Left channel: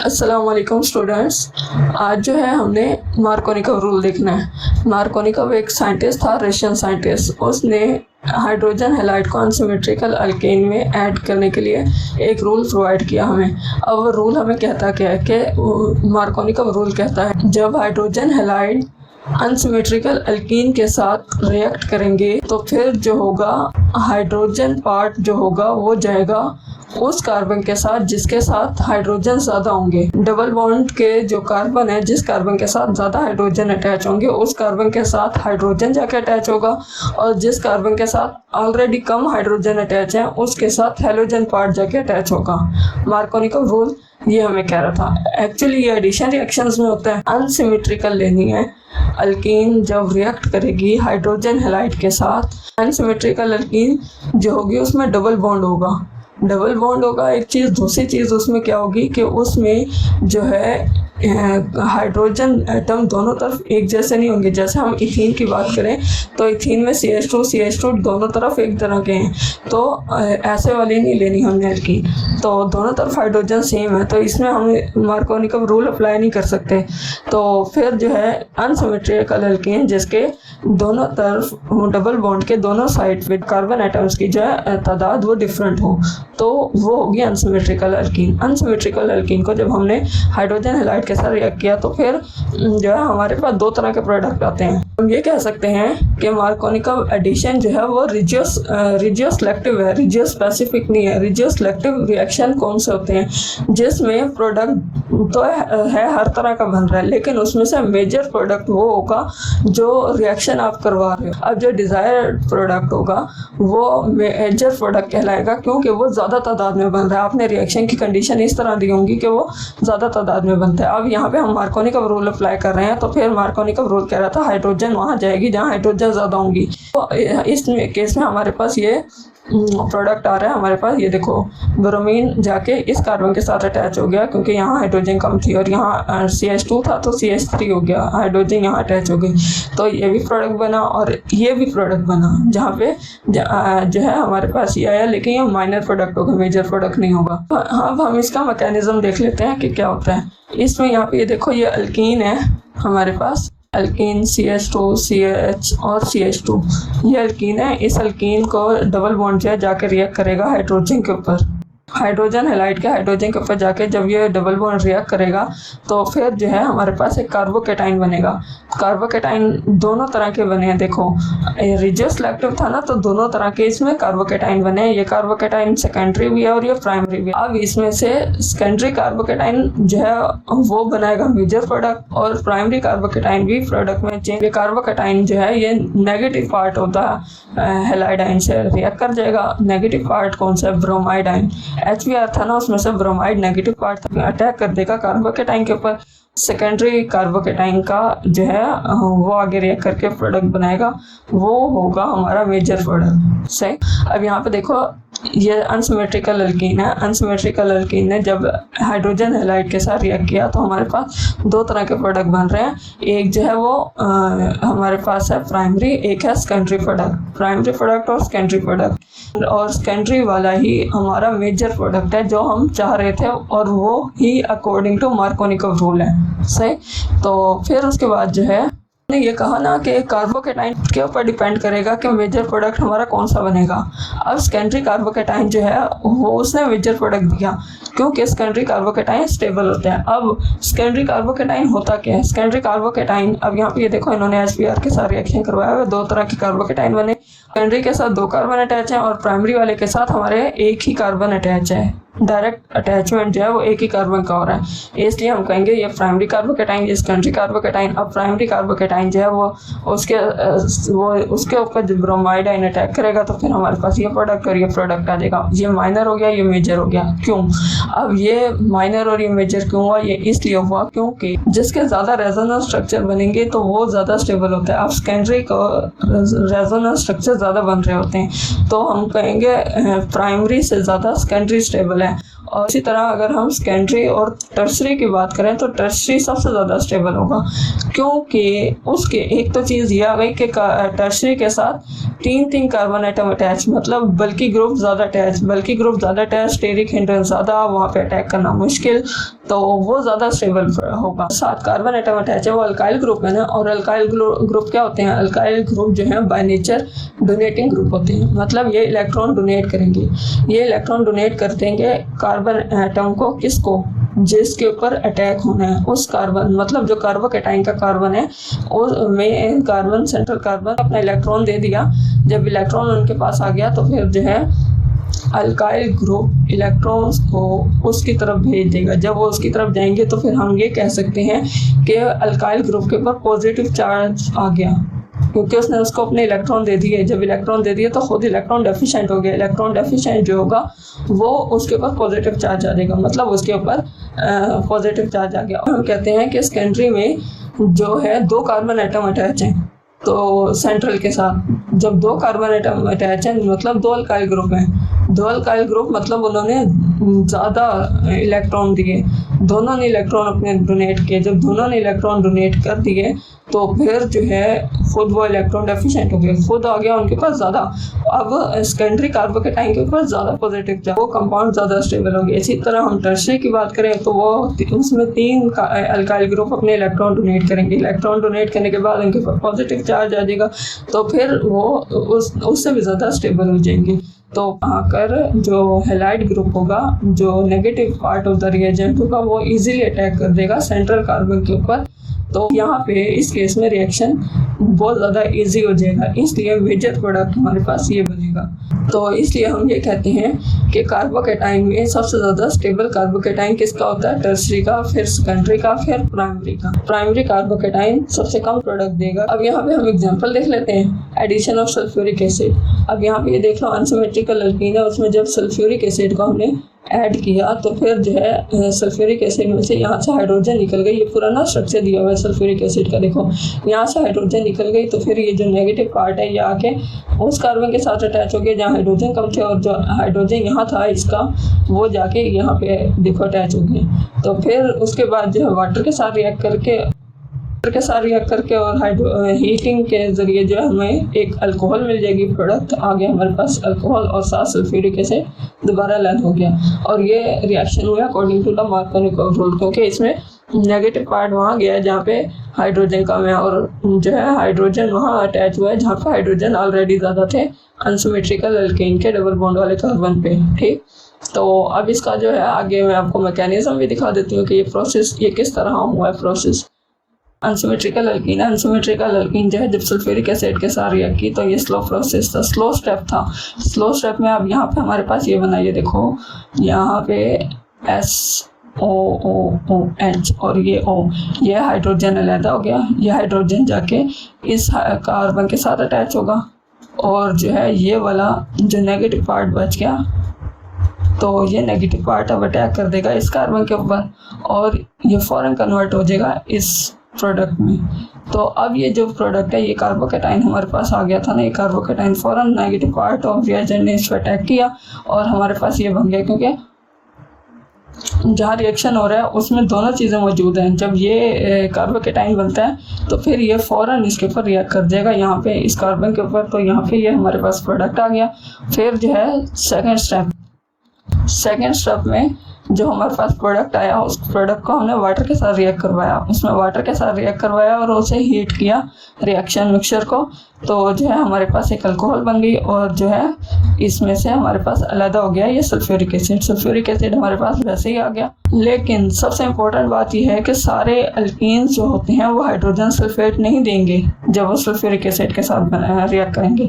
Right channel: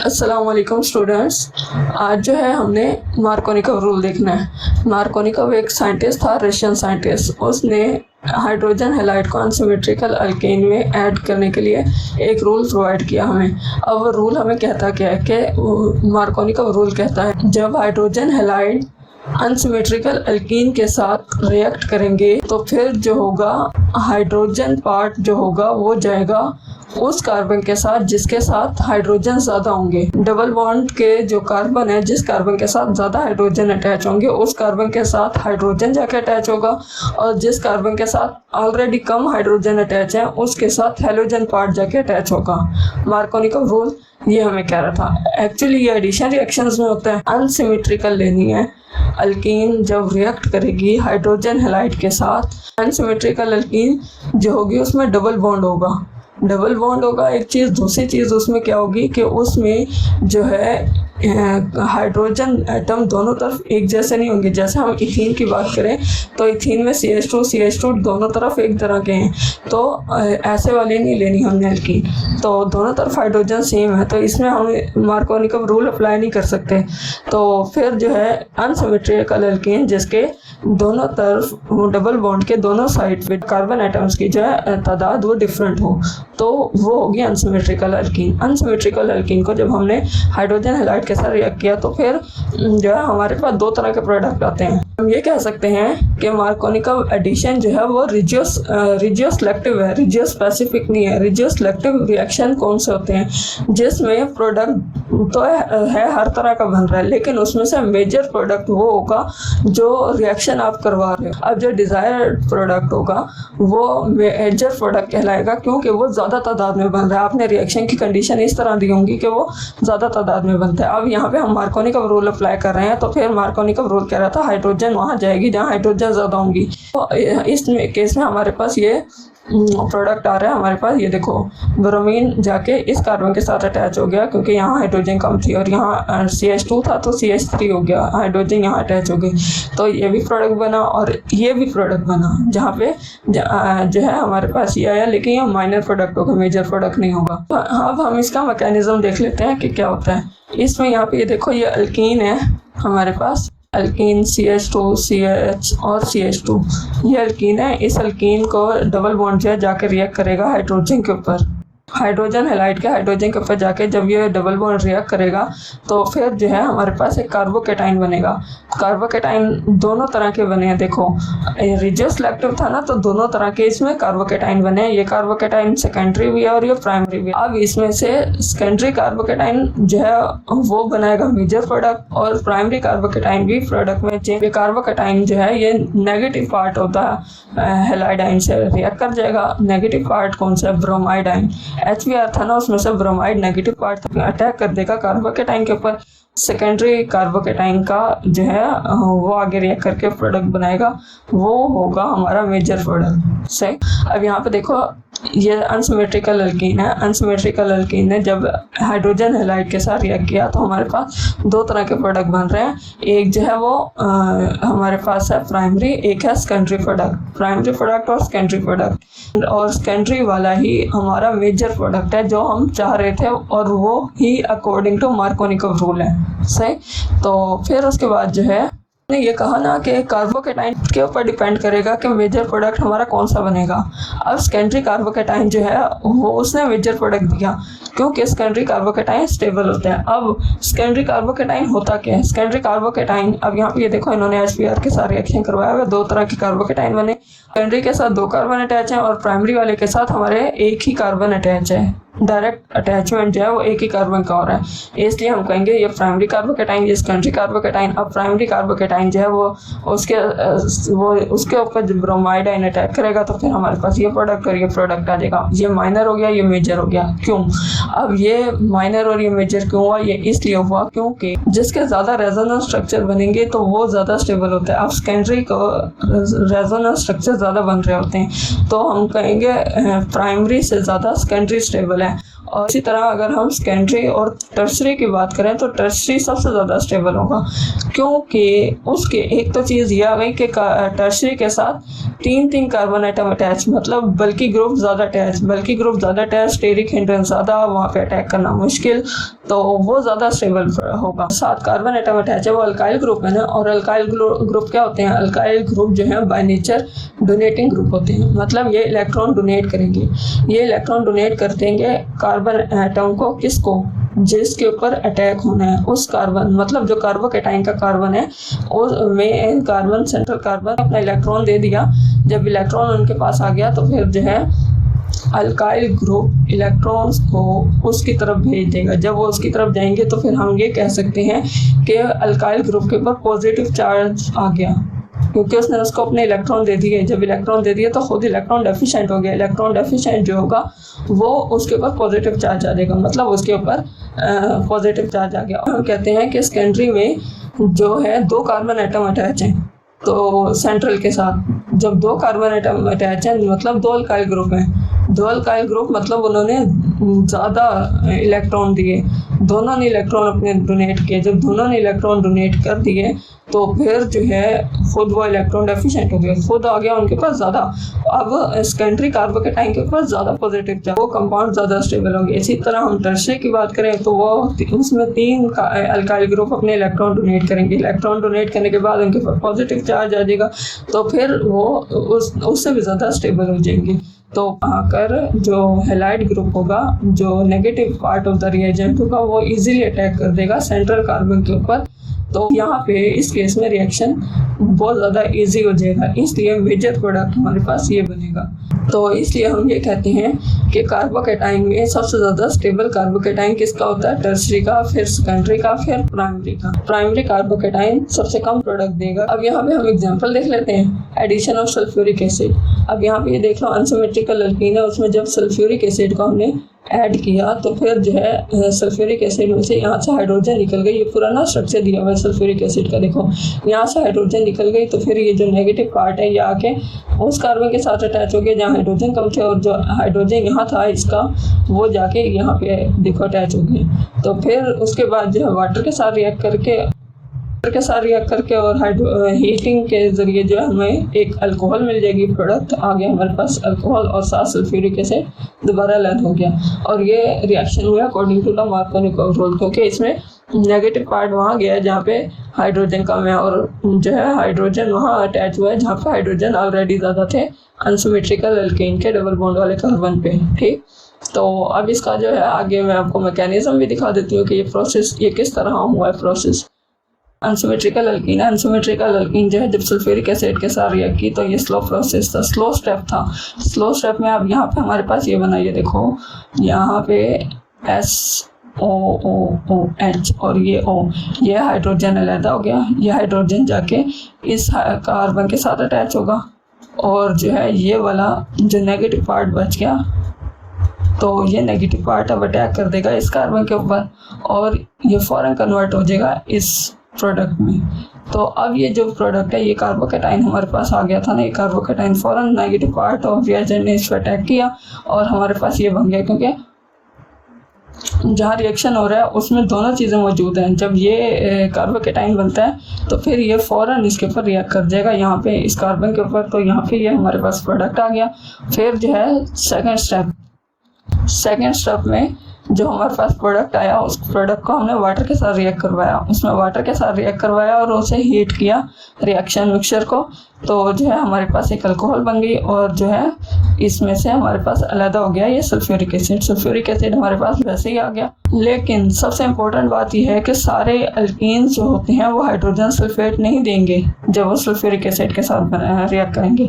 अस्सलाम वालेकुम स्टूडेंट्स। आज जो है हमने मार्कोनिकव रूल देखना है। मार्कोनिकव एक साइंटिस्ट था, रशियन साइंटिस्ट। उसने हाइड्रोजन हैलाइड को अनसिमेट्रिकल अल्केन में ऐड करने के लिए एक रूल प्रोवाइड किया हमें। अब वो रूल हमें कहता क्या है कि मार्कोनिकव रूल कहता है जब हाइड्रोजन हैलाइड अनसिमेट्रिकल अल्कीन के साथ रिएक्ट करेंगे तो फिर जो होगा हाइड्रोजन पार्ट जो होगा वो जाएगा उस कार्बन के साथ जिसके साथ हाइड्रोजन ज़्यादा होंगे। डबल बॉन्ड के जो कार्बन है, जिस कार्बन के साथ ज़्यादा हाइड्रोजन अटैच होंगे उस कार्बन के साथ हाइड्रोजन जाके अटैच होगा, और जिस कार्बन के साथ ऑलरेडी कम हाइड्रोजन अटैच है उसके साथ हेलोजन पार्ट जाके अटैच होगा। मार्कोनिकव रूल ये हमें कह रहा था। एक्चुअली ये एडिशन रिएक्शंस में होता है। अनसिमेट्रिकल लेनी है। अल्कीन जब रिएक्ट करेगी हाइड्रोजन हैलाइड के साथ, अनसिमेट्रिकल अल्कीन जो होगी उसमें डबल बॉन्ड होगा। डबल बॉन्ड होगा एक चीज़। दूसरी चीज़ उसमें क्या होगी कि उसमें जो है हाइड्रोजन एटम दोनों तरफ एक जैसे नहीं होंगे। जैसे हम इथीन की बात करें तो इथीन में CH2 दोनों तरफ एक तरह के हैं, तो ऐसे वाले नहीं लेनी हमने अल्कीन। तो दोनों तरफ हाइड्रोजन सेम है, तो इसमें हम मार्कोनिकव रूल अप्लाई नहीं कर सकते। तो फिर जो है अनसिमेट्रिकल अल्कीन जिसके दोनों तरफ डबल बॉन्ड के दोनों साइड पे कार्बन एटम्स की जो है तादाद वो डिफरेंट हो, तो वो होगी अनसिमेट्रिकल अल्कीन। अनसिमेट्रिकल अल्कीन को जब हमने हाइड्रोजन हैलाइड के साथ रिएक्ट किया तो फिर जो है हमारे पास दो तरह के प्रोडक्ट आते हैं। हम ये कह सकते हैं कि मार्कोनिकव एडिशन जो है वो रिजियो सिलेक्टिव है, रिजियो स्पेसिफिक नहीं है। रिजियो सिलेक्टिव रिएक्शन कौन से होते हैं जिसमें प्रोडक्ट तो है हर तरह का बन रहा है, लेकिन उसमें से मेजर प्रोडक्ट वो होगा जो रिएक्शन आप करवा रहे हो। अब जो डिजायर्ड प्रोडक्ट होगा वो मेजर प्रोडक्ट कहलाएगा, क्योंकि वो ज़्यादा तादाद में बन रहा है। आपने रिएक्शन की कंडीशन इस तरह दी होंगी कि वो ज़्यादा तादाद में बनता है। अब यहाँ पे हम मार्कोनिकव रूल अप्लाई कर रहे हैं, तो फिर मार्कोनिकव रूल कह रहा था हाइड्रोजन वहाँ जाएगी जहाँ हाइड्रोजन ज़्यादा होंगी। तो इस केस में हमारे पास ये प्रोडक्ट आ रहा है। हमारे पास ये देखो, ब्रोमीन जाके इस कार्बन के साथ अटैच हो गया क्योंकि यहाँ हाइड्रोजन कम थी, और यहाँ CH2 था तो CH3 हो गया, हाइड्रोजन यहाँ अटैच हो गई। तो ये भी प्रोडक्ट बना और ये भी प्रोडक्ट बना, जहाँ पे जो है हमारे पास ये आया, लेकिन ये माइनर प्रोडक्ट होगा, मेजर प्रोडक्ट नहीं होगा। तो अब हम इसका मैकेनिज्म देख लेते हैं कि क्या होता है इसमें। यहाँ पे ये देखो, ये अल्कीन है हमारे पास, अल्कीन CH2 CH और CH2 ये अल्कीन है। इस अल्कीन को डबल बॉन्ड जो है जाकर रिएक्ट करेगा हाइड्रोजन के ऊपर, हाइड्रोजन हैलाइड के हाइड्रोजन के ऊपर जाके जब ये डबल बॉन्ड रिएक्ट करेगा तो फिर जो है हमारे पास एक कार्बोकेटाइन बनेगा। कार्बोकेटाइन दोनों तरह के बने हैं। देखो, रिजियो सिलेक्टिव था ना, तो दोनों तरह के इसमें कार्बोकेटाइन बने हैं। ये कार्बोकेटाइन सेकेंडरी भी है और ये प्राइमरी भी है। अब इसमें से सेकेंडरी कार्बोकेटाइन जो है वो बनाएगा मेजर प्रोडक्ट, और प्राइमरी कार्बोकेटाइन भी प्रोडक्ट में चेंज। ये कार्बोकेटाइन जो है ये नेगेटिव पार्ट होता है, हैलाइडाइन से रिएक्ट कर जाएगा। नेगेटिव पार्ट कौन सा है? ब्रोमाइडाइन। HBr था ना, उसमें से ब्रोमाइड नेगेटिव पार्ट अटैक कर देगा कार्बोकेटाइन के ऊपर। सेकेंडरी कार्बोकेटाइन का जो है वो आगे रिएक्ट करके प्रोडक्ट बनाएगा, वो होगा हमारा मेजर प्रोडक्ट। सही। अब यहाँ पे देखो, ये अनसिमेट्रिकल अल्कीन है। अनसिमेट्रिकल अल्कीन ने जब हाइड्रोजन हैलाइड के साथ रिएक्ट किया तो हमारे पास दो तरह के प्रोडक्ट बन रहे हैं। एक जो है वो हमारे पास है प्राइमरी, एक है सेकेंडरी प्रोडक्ट। प्राइमरी प्रोडक्ट और सेकेंडरी प्रोडक्ट, और सेकेंडरी वाला ही हमारा मेजर प्रोडक्ट है जो हम चाह रहे थे, और वो ही अकॉर्डिंग टू मार्कोनिकव रूल है। सही। तो फिर उसके बाद जो है ने ये कहा ना कि कार्बोकेटाइन के ऊपर डिपेंड करेगा कि मेजर प्रोडक्ट हमारा कौन सा बनेगा। अब सेकेंडरी कार्बोकेटाइन जो है वो उसने मेजर प्रोडक्ट दिया, क्योंकि सेकेंडरी कार्बोकेटाइन स्टेबल होते हैं। अब सेकेंडरी कार्बोकेटाइन होता क्या है? सेकेंडरी कार्बोकेटाइन, अब यहाँ पे ये देखो, इन्होंने HBr के साथ रिएक्शन करवाया हुआ, दो तरह के कार्बोकेटाइन बने। सेकेंडरी के साथ दो कार्बन अटैच है और प्राइमरी वाले के साथ हमारे एक ही कार्बन अटैच है। डायरेक्ट अटैचमेंट जो है वो एक ही कार्बन का हो रहा है, इसलिए हम कहेंगे ये प्राइमरी कार्बोकेटाइन, ये सेकेंडरी कार्बोकेटाइन। और प्राइमरी कार्बोकेटाइन जो है वो उसके ऊपर जब ब्रोमाइडाइन अटैक करेगा तो फिर हमारे पास ये प्रोडक्ट और ये प्रोडक्ट आ जाएगा। ये माइनर हो गया, ये मेजर हो गया। क्यों? अब ये माइनर और ये मेजर क्यों हुआ? ये इसलिए हुआ क्योंकि जिसके ज़्यादा रेजोनेंस स्ट्रक्चर बनेंगे तो वो ज़्यादा स्टेबल होता है। अब सेकेंडरी को रेजोनेंस स्ट्रक्चर ज़्यादा बन रहे होते हैं, तो हम कहेंगे प्राइमरी से ज़्यादा सेकेंडरी स्टेबल है। है। और इसी तरह अगर हम सेकेंडरी और टर्सरी की बात करें तो टर्सरी सबसे ज़्यादा स्टेबल होगा, क्योंकि उसके एक तो चीज़ ये आ गई कि टर्सरी के साथ 3 कार्बन एटम अटैच, मतलब बल्कि ग्रुप ज़्यादा अटैच, स्टेरिक हिंड्रेंस ज़्यादा, वहाँ पे अटैक करना मुश्किल, तो वो ज़्यादा स्टेबल होगा। 7 कार्बन एटम अटैच है, वो अल्काइल ग्रुप है ना। और अल्काइल ग्रुप क्या होते हैं? अल्काइल ग्रुप जो है बाय नेचर डोनेटिंग ग्रुप होते हैं, मतलब ये इलेक्ट्रॉन डोनेट करेंगे। ये इलेक्ट्रॉन डोनेट कर देंगे कार्बन एटम को, किसको? जिसके ऊपर अटैक होना है उस कार्बन, मतलब जो कार्बोकेटाइन का कार्बन है उसमें कार्बन, सेंट्रल कार्बन अपना इलेक्ट्रॉन दे दिया। जब इलेक्ट्रॉन उनके पास आ गया तो फिर जो है अल्काइल ग्रुप इलेक्ट्रॉन्स को उसकी तरफ भेज देगा। जब वो उसकी तरफ जाएंगे तो फिर हम ये कह सकते हैं कि अल्काइल ग्रुप के ऊपर पॉजिटिव चार्ज आ गया, क्योंकि उसने उसको अपने इलेक्ट्रॉन दे दिए। जब इलेक्ट्रॉन दे दिए तो खुद इलेक्ट्रॉन डेफिशिएंट हो गया। इलेक्ट्रॉन डेफिशिएंट जो होगा वो उसके ऊपर पॉजिटिव चार्ज आ जाएगा, मतलब उसके ऊपर पॉजिटिव चार्ज आ गया। हम कहते हैं कि सेकेंडरी में जो है 2 कार्बन एटम अटैच हैं, तो सेंट्रल के साथ जब 2 कार्बन एटम अटैच हैं मतलब 2 अल्काइल ग्रुप हैं। 2 अल्काइल ग्रुप मतलब उन्होंने ज़्यादा इलेक्ट्रॉन दिए, दोनों ने इलेक्ट्रॉन अपने डोनेट किए। जब दोनों ने इलेक्ट्रॉन डोनेट कर दिए तो फिर जो है खुद वो इलेक्ट्रॉन डेफिशिएंट हो गए, खुद आ गया उनके पास ज़्यादा। अब सेकेंडरी कार्बोकेटाइन के पास ज़्यादा पॉजिटिव चार्ज, वो कंपाउंड ज़्यादा स्टेबल हो गया। इसी तरह हम टर्सरी की बात करें तो वो उसमें 3 अल्काइल ग्रुप अपने इलेक्ट्रॉन डोनेट करेंगे। इलेक्ट्रॉन डोनेट करने के बाद उनके पास पॉजिटिव चार्ज आ जाएगा, तो फिर वो उससे भी ज़्यादा स्टेबल हो जाएंगे। तो आकर जो हैलाइड ग्रुप होगा, जो negative part of the reagent होगा, वो इजीली अटैक कर देगा सेंट्रल कार्बन के ऊपर। तो यहाँ पे इस केस में रिएक्शन बहुत ज़्यादा इजी हो जाएगा, इसलिए मेजर प्रोडक्ट हमारे पास ये बनेगा। तो इसलिए हम ये कहते हैं कि कार्बोकेटाइन में सबसे ज़्यादा स्टेबल कार्बोकेटाइन किसका होता है? टर्सरी का, फिर सेकेंडरी का, फिर प्राइमरी का। प्राइमरी कार्बोकेटाइन सबसे कम प्रोडक्ट देगा। अब यहाँ पे हम एग्जांपल देख लेते हैं, एडिशन ऑफ सल्फ्यूरिक एसिड। अब यहाँ पे ये देख लो अनसिमेट्रिकल अल्कीन है, उसमें जब सल्फ्यूरिक एसिड को हमने ऐड किया तो फिर जो है सल्फ्यूरिक एसिड में से यहाँ से हाइड्रोजन निकल गई। पूरा ना स्ट्रक्चर दिया हुआ है सल्फ्यूरिक एसिड का, देखो यहाँ से हाइड्रोजन निकल गई, तो फिर ये जो नेगेटिव पार्ट है ये आके उस कार्बन के साथ अटैच हो गया जहाँ हाइड्रोजन कम थे, और जो हाइड्रोजन यहाँ था इसका वो जाके यहाँ पे देखो अटैच हो गया। तो फिर उसके बाद जो है वाटर के साथ रिएक्ट करके और हीटिंग के जरिए जो हमें एक अल्कोहल मिल जाएगी, प्रोडक्ट आ गया हमारे पास अल्कोहल, और साथ सल्फ्यूरिक एसिड दोबारा लैंड हो गया। और ये रिएक्शन हुआ अकॉर्डिंग टू द मार्कोनिकव रूल, क्योंकि इसमें नेगेटिव पार्ट वहाँ गया जहाँ पे हाइड्रोजन कम है, और जो है हाइड्रोजन वहाँ अटैच हुआ है जहाँ पे हाइड्रोजन ऑलरेडी ज़्यादा थे अनसिमेट्रिकल अल्कीन के डबल बॉन्ड वाले कार्बन पे। ठीक, तो अब इसका जो है आगे मैं आपको मैकेनिज्म भी दिखा देती हूँ कि ये प्रोसेस ये किस तरह हुआ है। प्रोसेस अनसिमेट्रिकल अल्कीन है। अनसिमेट्रिकल अल्कीन जो है जब सल्फ्यूरिक एसिड के साथ रिएक्ट की तो ये स्लो प्रोसेस था, स्लो स्टेप था। स्लो स्टेप में अब यहाँ पे हमारे पास ये बना, ये देखो यहाँ पे SOOH और ये O, ये हाइड्रोजन अलग हो गया। ये हाइड्रोजन जाके इस कार्बन के साथ अटैच होगा, और जो है ये वाला जो नेगेटिव पार्ट बच गया तो ये नेगेटिव पार्ट अब अटैक कर देगा इस कार्बन के ऊपर, और ये फौरन कन्वर्ट हो जाएगा इस प्रोडक्ट में। तो अब ये जो प्रोडक्ट है ये कार्बोकेटाइन हमारे पास आ गया था ना, ये कार्बोकेटाइन फौरन नेगेटिव पार्ट ऑफ रिएजेंट ने इस पर अटैक किया और हमारे पास ये बन गया, क्योंकि जहाँ रिएक्शन हो रहा है उसमें दोनों चीज़ें मौजूद हैं। जब ये कार्बोकेटाइन बनता है तो फिर ये फ़ौरन इसके ऊपर रिएक्ट कर जाएगा यहाँ पे इस कार्बन के ऊपर, तो यहाँ पे ये हमारे पास प्रोडक्ट आ गया। फिर जो है सेकेंड स्टेप में जो हमारे पास प्रोडक्ट आया उस प्रोडक्ट को हमने वाटर के साथ रिएक्ट करवाया, उसमें वाटर के साथ रिएक्ट करवाया और उसे हीट किया रिएक्शन मिक्सचर को, तो जो है हमारे पास एक अल्कोहल बन गई, और जो है इसमें से हमारे पास अलग हो गया ये सल्फ्यूरिक एसिड। सल्फ्यूरिक एसिड हमारे पास वैसे ही आ गया। लेकिन सबसे इम्पोर्टेंट बात यह है कि सारे अल्कीन्स जो होते हैं वो हाइड्रोजन सल्फेट नहीं देंगे जब वो सल्फ्यूरिक एसिड के साथ रिएक्ट करेंगे।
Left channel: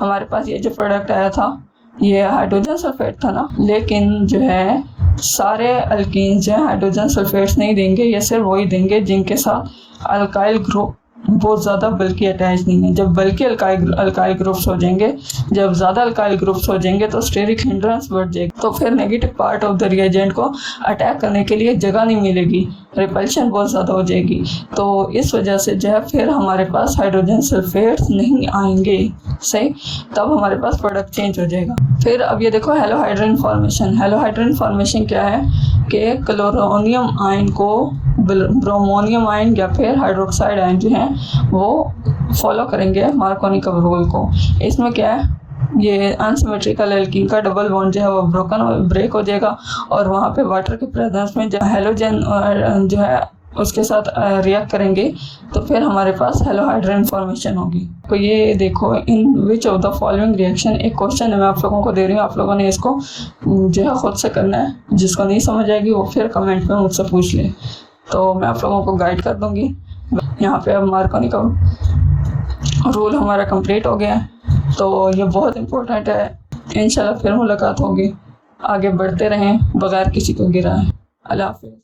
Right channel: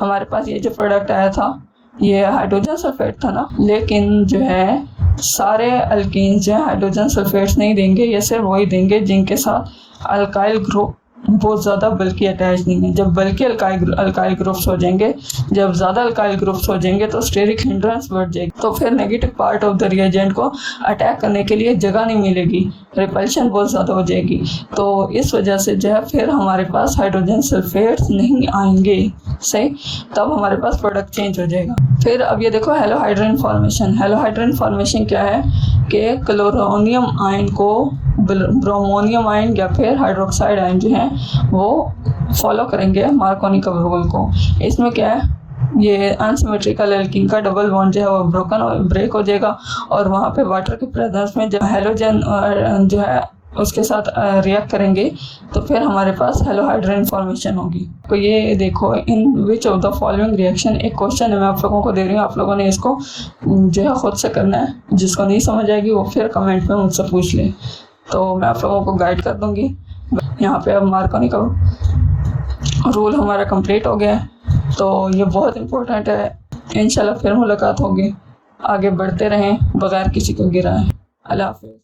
हमारे पास ये जो प्रोडक्ट आया था ये हाइड्रोजन सल्फेट था ना, लेकिन जो है सारे अल्कीन्स जो है हाइड्रोजन सल्फेट्स नहीं देंगे, ये सिर्फ वही देंगे जिनके साथ अल्काइल ग्रुप बहुत ज़्यादा बल्कि अटैच नहीं है। जब बल्कि अल्काइल ग्रुप्स हो जाएंगे, जब ज़्यादा अल्काइल ग्रुप्स हो जाएंगे तो स्टेरिक हिंड्रेंस बढ़ जाएगी, तो फिर negative part of the reagent को अटैक करने के लिए जगह नहीं मिलेगी, रिपल्शन बहुत ज़्यादा हो जाएगी। तो इस वजह से जो है फिर हमारे पास हाइड्रोजन सल्फेट्स नहीं आएंगे, सही। तब हमारे पास प्रोडक्ट चेंज हो जाएगा। फिर अब ये देखो हेलोहाइड्रिन फॉर्मेशन। हेलोहाइड्रिन फॉर्मेशन क्या है कि क्लोरोनियम आयन को ब्रोमोनियम आयन या फिर हाइड्रोक्साइड आयन जो है वो फॉलो करेंगे मार्कोनिकव रूल को। इसमें क्या है, ये अनसिमेट्रिकल एल्कीन का डबल बॉन्ड जो है वो ब्रेक हो जाएगा और वहाँ पे वाटर के प्रेजेंस में जो हेलोजन और जो है उसके साथ रिएक्ट करेंगे तो फिर हमारे पास हेलोहाइड्रिन फॉर्मेशन होगी। तो ये देखो, in which of the following reaction, एक क्वेश्चन है मैं आप लोगों को दे रही हूँ, आप लोगों ने इसको जो है खुद से करना है। जिसको नहीं समझ आएगी वो फिर कमेंट में मुझसे पूछ ले, तो मैं आप लोगों को गाइड कर दूंगी। यहाँ पे अब मार्कोनिकव रूल हमारा कंप्लीट हो गया है, तो ये बहुत इम्पोर्टेंट है। इंशाल्लाह फिर मुलाकात होगी। आगे बढ़ते रहें बगैर किसी को गिराए। अल्लाह हाफिज़।